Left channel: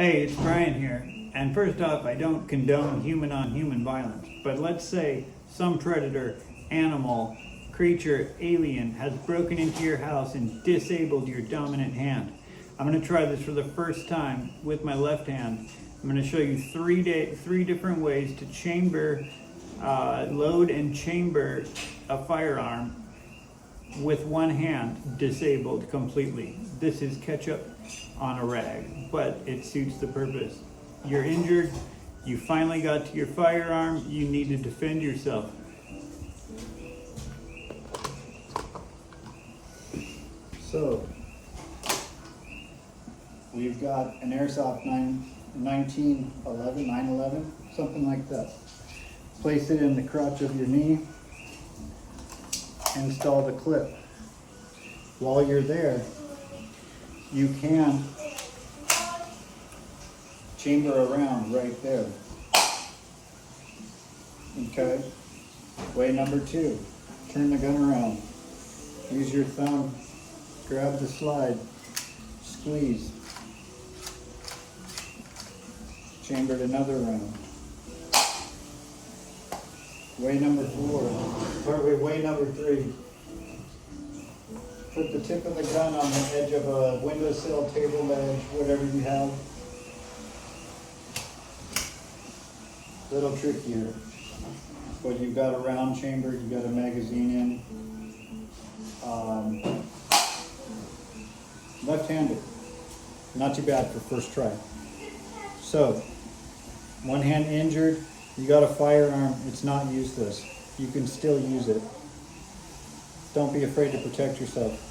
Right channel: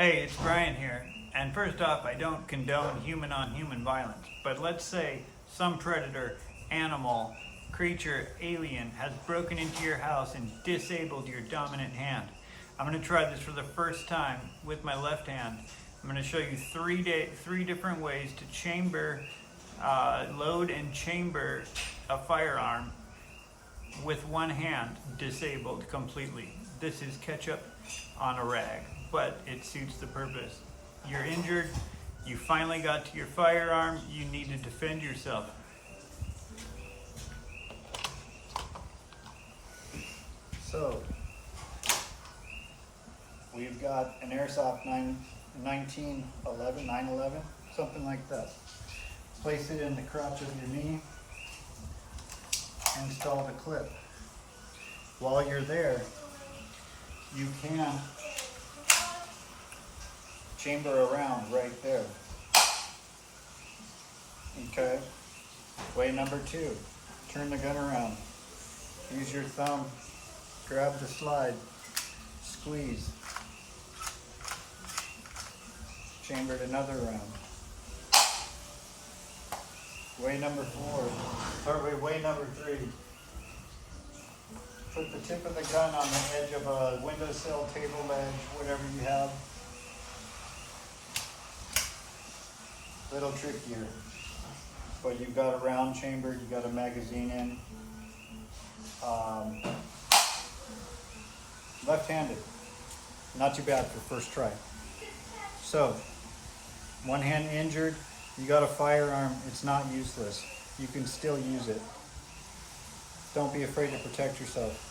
Hey, it's Brian here. And first off, I don't condone human on human violence, but let's say some predator, animal, creature, alien has broken into your house and disabled your dominant hand. I'm going to try this for the first time with my left hand. I'm going to show you three different ways to chamber, load and chamber a firearm with one hand disabled completely. This is ketchup on a rag, but it suits the purpose. You're injured, you finally got to your firearm, you need to defend yourself. So, we've got an airsoft 911, something like that. Place it in the crotch of your knee, install the clip. While you're there, you can chamber around right there. Okay. Way number 2, turn the gun around. Use your thumb, grab the slide, squeeze. Chambered another round. Way number 4, or way number 3. Put the tip of the gun on the edge of a windowsill, table ledge, whatever you have. Little trickier, but you've got a round chamber, you've got a magazine in. Left-handed, not too bad for first try. So, one hand injured, you got a firearm, it's not useless. You can still use it. Don't be afraid to protect yourself.